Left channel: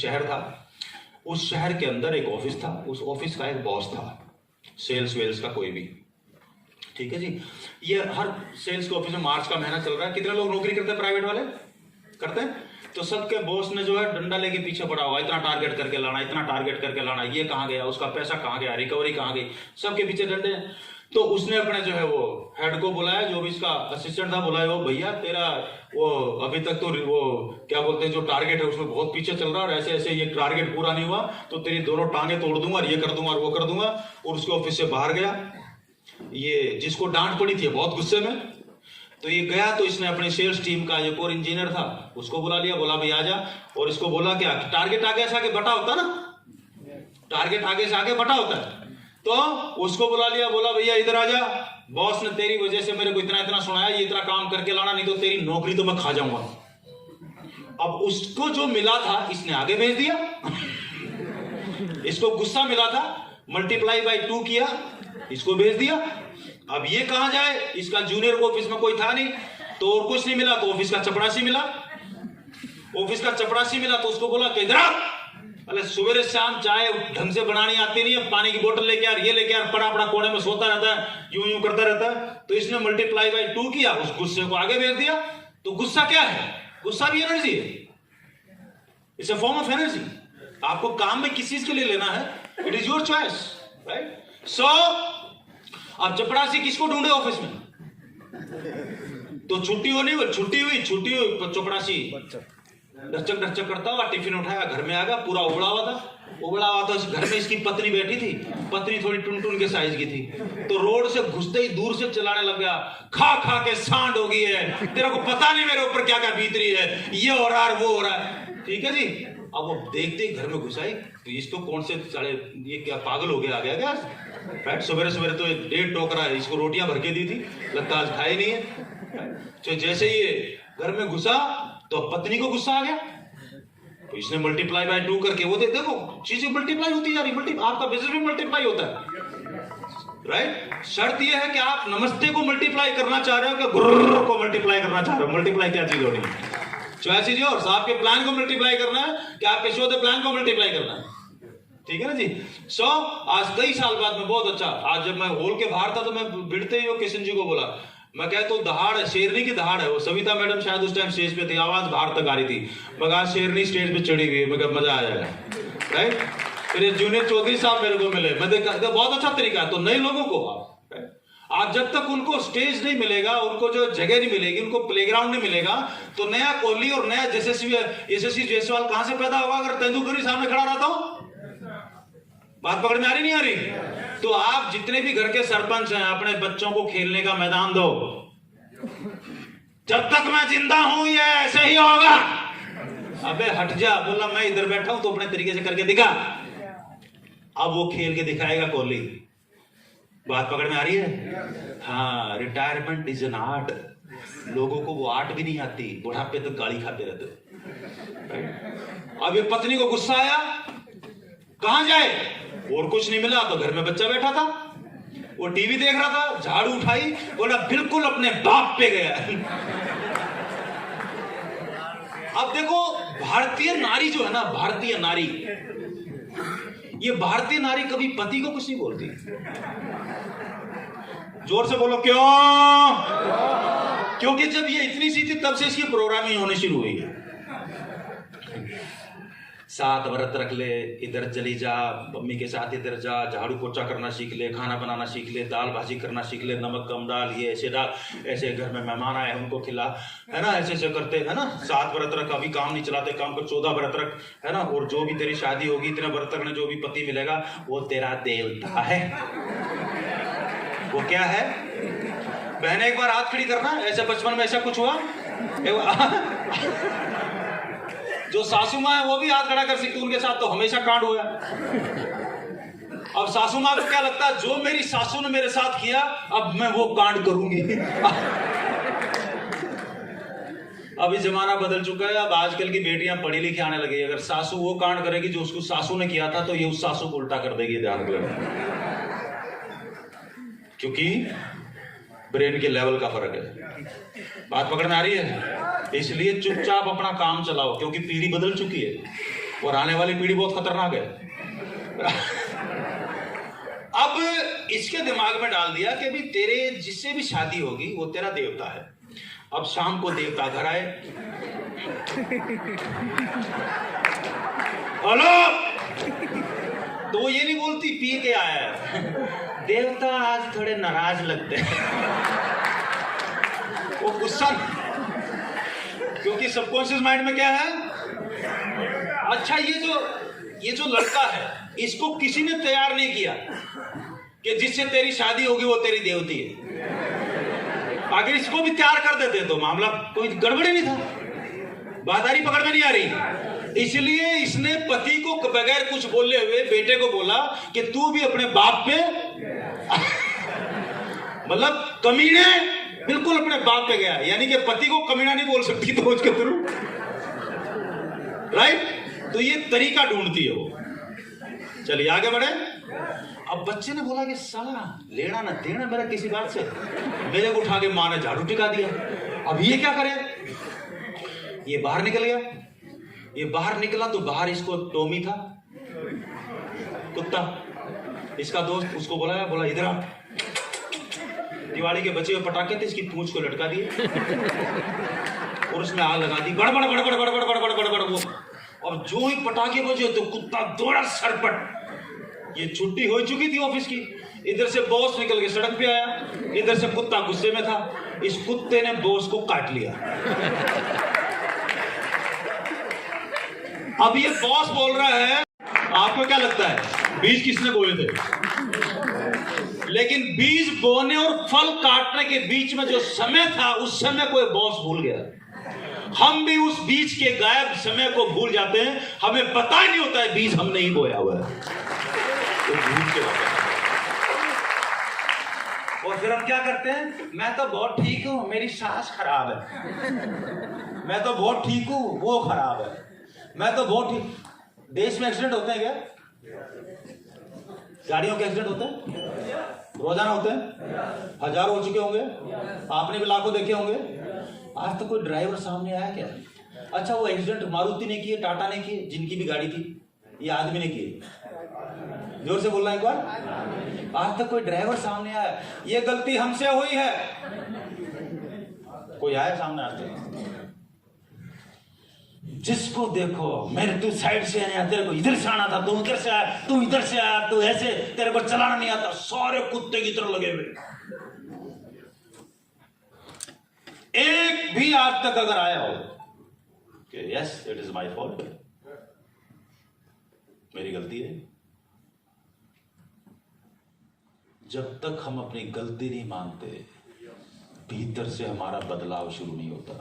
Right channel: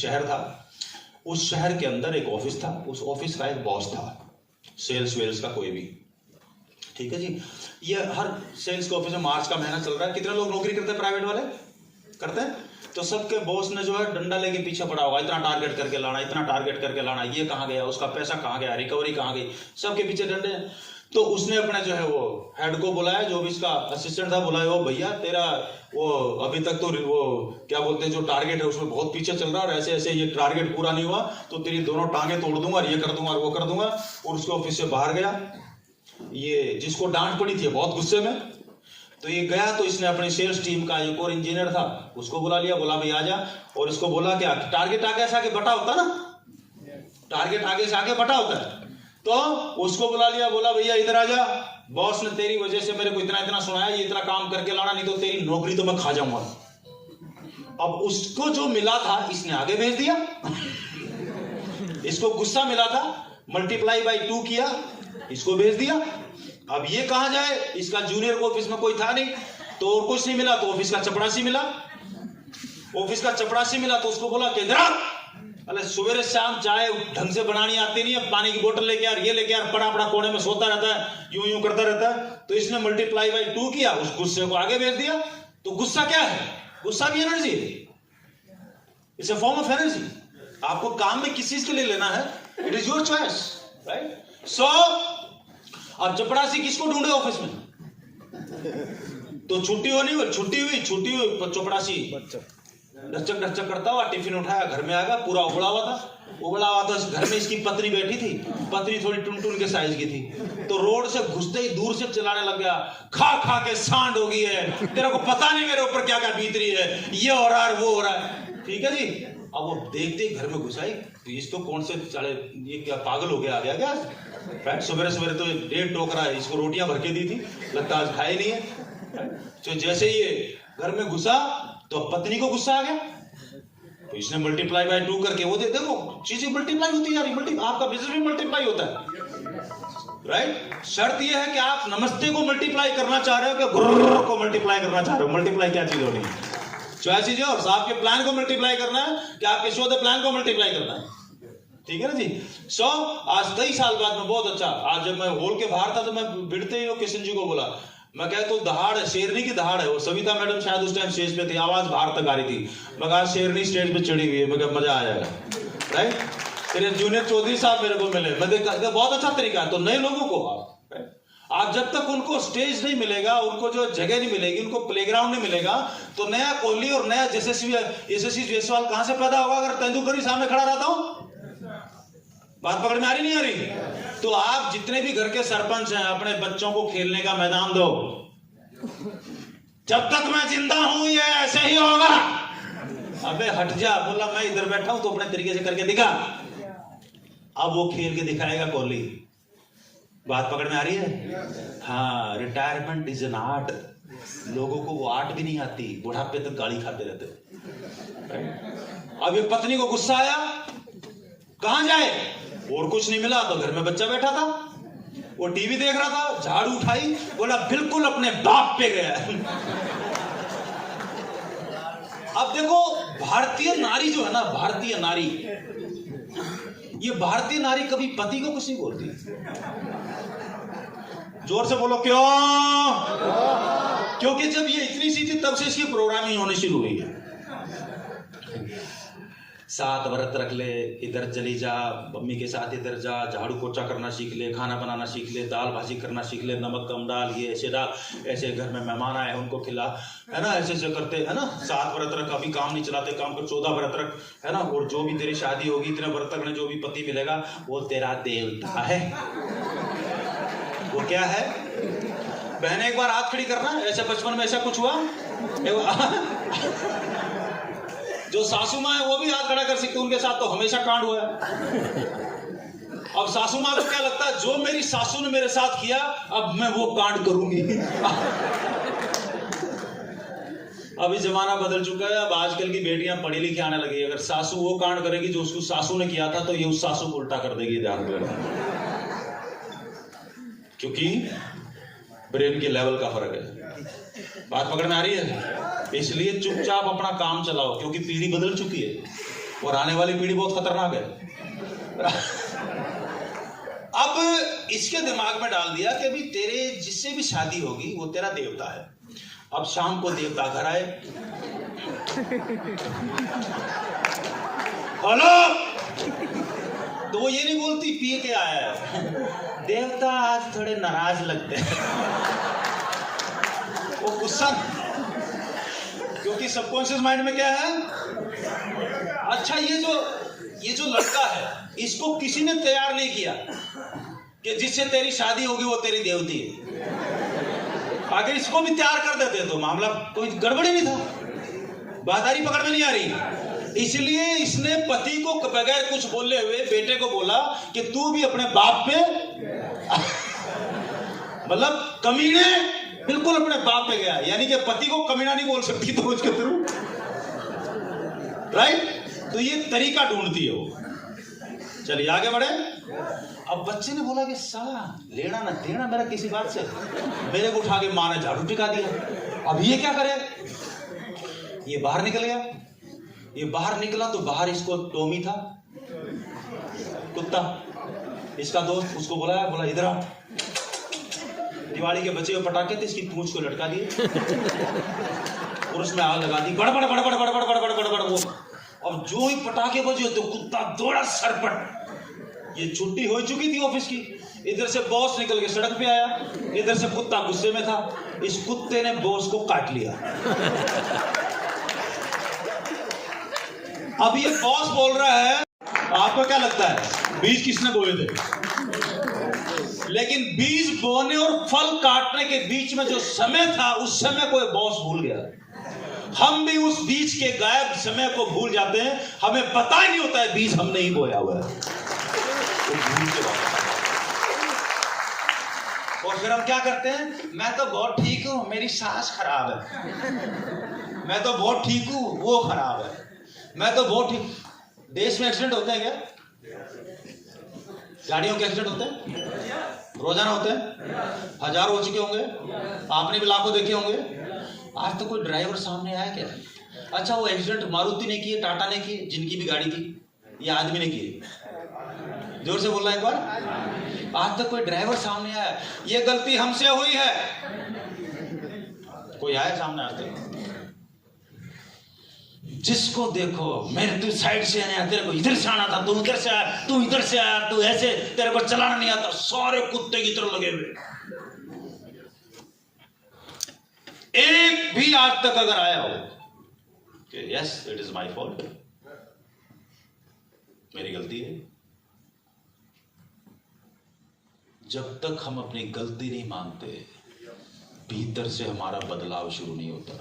शहर था, उस शहर के अंदर एक ऑफिस था, उस ऑफिस का एक बॉस था, सेल्स वेल्स का कोई भी, ठीक है जी। ये हर सेल्स के ऑफिस में मार्च का महीना चल रहा है, कितने लोग नौकरी करते हैं, प्राइवेट वाले करते हैं, तो सबके बॉस ने जो है डंडा लेके पीछे पड़ा हुआ, इतना टारगेट करके लाना, इतना टारगेट करके लाना, ये कहाँ गया, उसका पैसा कहाँ गया, रिकवरी कहाँ गई, सबके पीछे डंडे। तो उसने अपने जो है वो हेड को बुलाया, जो भी इसका असिस्टेंट था, बुलाया, वो भैया तेरा वो अभी तक तो वो क्या बोलते हैं जो टारगेट है उसमें बहुत पीछे चल रहा है, ऐसे ऐसे ये टारगेट पूरा नहीं हुआ तो तेरी दोनों टांगे तोड़ दूंगा और ये कर दूंगा और वो कर दूंगा। और उसके ऑफिस से बाहर गया, ये जिसको डांट पड़ी थी बहुत गुस्से में, तो ये गया, तो इसने अपनी सेल्स टीम का जो कोर इंजीनियर था उसको बुला लिया, बोला भाई आ जा, और इसको बोला क्या टारगेट आगे से आगे बटा होता ना, टारगेट आगे से आगे बटा होता है, तो उसको बुला लिया, बोला भैया इधर आ जा, बॉस ने तेरी वजह से मेरे को इतना इतना सुनाया, ये इतना काम करके लाना, नहीं तो तेरी नौकरी तो मैं खा जाऊंगा। अब उसको जो मिला था इसने आगे भेज दिया, इसको गुस्सा मिला था, मल्टीप्लाई बाई 2 किया, इसको भेज दिया। अब ये कहां जाए, इसका जूनियर को ऑफिस में कोई था नहीं, तो और कुछ नहीं मिला, तो ऑफिस का चपरासी मिला, ऑफिस का चपरासी मिला, तो उसको बोला कि अरे सवेरे शाम चाय ढंग से बनानी आती नहीं है, पानी की बोतल लेके यार, ये लेके यार, पड़ा पड़ा कोने में सोता रहता है, यूं यूं करता रहता है। तो इसने मल्टीप्लाई बाई 2 किया, उस गुस्से को आगे भेज दिया। तो गुस्सा क्या है, गुस्सा भी एनर्जी है, it's a form of energy. आपको काम में किस चीज के लिए लेना है, it is your choice, right. So अब चपरासी किसको ढूंढे ऑफिस में, तो छुट्टी हुई चपरासी ढचक करता हुआ टिफिन उठाया, घर में आ गया, पूरा उबड़ा हुआ था। घर में इसकी पत्नी बैठी थी, पत्नी थोड़ी टुनटुन के साइज की थी, तो रोड से घुसते ही दूर से चिल्लाने लग गया, खा खा के सांड हो गई है, तेरे को पता नहीं मेरे ऊपर क्या क्या बीत रही है, ये हो रहा है वो हो रहा है, ठीक है जी। अब वो देखते ही घर में घुसाई, तो इसको कौन से साले ये क्या पागल हो गया आ गया क्या, राइट। सवेरे सवेरे तो 1.5 टोकरा इसको रोटियां भर के दी थी, लगता आज खाए नहीं है। तो जैसे ये घर में घुसा तो पत्नी को गुस्सा आ गया, तो इसने मल्टीप्लाई बाय 2 करके वो देखो चीजें मल्टीप्लाई होती जा रही, आपका बिजनेस भी मल्टीप्लाई होता है, राइट। शर्त ये है कि आप नमस्ते को मल्टीप्लाई करना चाह रहे हो कि गुर्र को मल्टीप्लाई करना चाह रहे हो। मल्टीप्लाई क्या चीज होनी है, चॉइस इज योर्स। आपके प्लान को मल्टीप्लाई करना है कि आपके शो द प्लान को मल्टीप्लाई करना है, ठीक है ना जी। सो आज कई साल बाद में बहुत अच्छा, आज जब मैं हॉल के बाहर था तो मैं भिड़ते ही किशन जी को बोला, मैं कहता तो दहाड़ है, शेरनी की दहाड़ है, वो सविता मैडम शायद उस टाइम स्टेज पे थी, आवाज बाहर तक आ रही थी, मैं कहा शेरनी स्टेज पे चढ़ी हुई है, मैं कहा मजा आ जाएगा, राइट। फिर जूनियर चौधरी साहब मेरे को मिले, मैं देखा बहुत अच्छा तरीका है। तो नए लोगों को आप जब तक उनको स्टेज नहीं मिलेगा, उनको जो जगह नहीं मिलेगी, उनको प्लेग्राउंड नहीं मिलेगा, तो नया कोहली और नया यशस्वी जायसवाल कहां से पैदा होगा अगर तेंदुलकर ही सामने खड़ा रहता हो। बात पकड़ में आ रही नहीं आ रही। तो आप जितने भी घर के सरपंच हैं, अपने बच्चों को खेलने का मैदान दो, जब तक मैं जिंदा हूं ये ऐसे ही होगा। अबे हट जा, बोला मैं इधर बैठा हूं तो अपने तरीके से करके दिखा। अब वो खेल के दिखाएगा कोहली। बात पकड़ में आ रही है। हाँ, रिटायरमेंट इज एन आर्ट। लोगों को वो आर्ट भी नहीं आती, बुढ़ापे तक गाली खाते रहते। अब ये पत्नी को गुस्सा आया, कहां जाए, और कुछ नहीं मिला तो घर में बच्चा बैठा था, वो टीवी देख रहा था, झाड़ू उठाई, बोला बिल्कुल अपने बाप पे गया। अब देखो भारतीय नारी जो है ना, भारतीय नारी, ये भारतीय नारी कभी पति को कुछ नहीं बोलती। जोर से बोलो क्यों? क्योंकि जब ये इतनी सी थी तब से इसकी प्रोग्रामिंग होनी शुरू हुई है। 7 व्रत रख ले, इधर चली जा, मम्मी के साथ इधर जा, झाड़ू पोछा करना सीख ले, खाना बनाना सीख ले, दाल भाजी करना सीख ले, नमक कम डाल, ये ऐसे डाल, ऐसे घर में मेहमान आए उनको खिला, है ना, ऐसे ऐसे करते है ना। 7 व्रत रख, अभी काम नहीं चलाते, काम कर 14 व्रत रख, है ना। और जो भी तेरी शादी होगी इतने व्रत रखने, जो भी पति मिलेगा वो तेरा देवता है। वो क्या है? बहने एक बार हाथ खड़ी करना, ऐसे बचपन में ऐसा कुछ हुआ? जो सासू माँ है वो भी हाथ खड़ा कर सकती, उनके साथ तो हमेशा कांड हुआ है। अब सासू माँ को क्या लगता है, जो मेरी सासू ने मेरे साथ किया अब मैं वो कांड करूंगी। अभी जमाना बदल चुका है, अब आजकल की बेटियां पढ़ी लिखी आने लगी। अगर सासू वो कांड करेगी जो उसको सासू ने किया था, तो ये उस सासू को उल्टा कर देगी, ध्यान देना, क्योंकि ब्रेन के लेवल का फर्क है। बात पकड़ में आ रही है। इसलिए चुपचाप अपना काम चलाओ, क्योंकि पीढ़ी बदल चुकी है। और आने वाली पीढ़ी बहुत खतरनाक है। अब इसके दिमाग में डाल दिया कि अभी तेरे जिससे भी शादी होगी वो तेरा देवता है। अब शाम को देवता घर आए, हेलो, तो वो ये नहीं बोलती पी के आया है, देवता आज थोड़े नाराज लगते हैं। वो गुस्सा, क्योंकि सबकॉन्शियस माइंड में क्या है, अच्छा ये जो लड़का है इसको किसी ने तैयार नहीं किया कि जिससे तेरी शादी होगी वो तेरी देवती है। अगर इसको भी तैयार कर देते तो मामला कोई गड़बड़ी नहीं था, बादारी पकड़ में नहीं आ रही। इसलिए इसने पति को बगैर कुछ बोले हुए बेटे को बोला कि तू भी अपने बाप पे मतलब कमीने बिल्कुल अपने बाप पे गया, यानी कि पति को कमीना नहीं बोल सकती तो उसके थ्रू, राइट। तो ये तरीका ढूंढती है वो। चलिए आगे बढ़े। अब बच्चे ने बोला कि साला लेना ना देना मेरा किसी बात से, मेरे को उठा के माँ ने झाड़ू टिका दिया, अब ये क्या करे। ये बाहर निकल गया। ये बाहर निकला तो बाहर इसको टॉमी था, कुत्ता, इसका दोस्त, उसको बुलाया, बोला इधर आ। दिवाली के बचे हुए पटाखे थे, इसकी पूंछ को लटका दिए और उसमें आग लगा दी, बड़ बड़ बड़ बड़ बड़ बड़ बड़ बड़ बड़ बड़ वो। अब जो ही पटाखे बजे तो कुत्ता दौड़ा सरपट। ये छुट्टी हो चुकी थी ऑफिस की, इधर से बॉस निकल के सड़क पे आया, इधर से कुत्ता गुस्से में था, इस कुत्ते ने बॉस को काट लिया। अब ये बॉस बोल रहा है, आपको क्या लगता है बीज किसने बोए थे? लेकिन बीज बोने और फल काटने के बीच में जो समय था उस समय को बॉस भूल गया। हम भी उस बीज के गायब समय को भूल जाते हैं, हमें पता ही नहीं होता है बीज हमने ही बोया हुआ है। तो भूल के और फिर हम क्या करते हैं, मैं तो बहुत ठीक हूं, मेरी सांस खराब है, मैं तो बहुत ठीक हूं, वो खराब है, मैं तो बहुत ठीक। देश में एक्सीडेंट होते हैं क्या? गाड़ियों के एक्सीडेंट होते हैं, रोजाना होते हैं, हजारों हो चुके होंगे, आपने भी लाखों देखे होंगे। आज तो कोई ड्राइवर सामने आया क्या? अच्छा वो एक्सीडेंट मारुति ने किए, टाटा ने किए, जिनकी भी गाड़ी थी, ये आदमी ने किए? जोर से बोल रहा है एक बार। आज तक कोई ड्राइवर सामने आया, ये गलती हमसे हुई है, कोई आया सामने आज तक? जिसको देखो मेरे तू साइड से आने, तेरे को इधर से आना था, तू इधर से आया, तू इधर से आया, तू ऐसे, तेरे को चलाना नहीं आता, सारे कुत्ते की तरह लगे हुए। एक भी आज तक अगर आया हो कि yes it is my fault, मेरी गलती है, जब तक हम अपनी गलती नहीं मानते भीतर से हमारा बदलाव शुरू नहीं होता।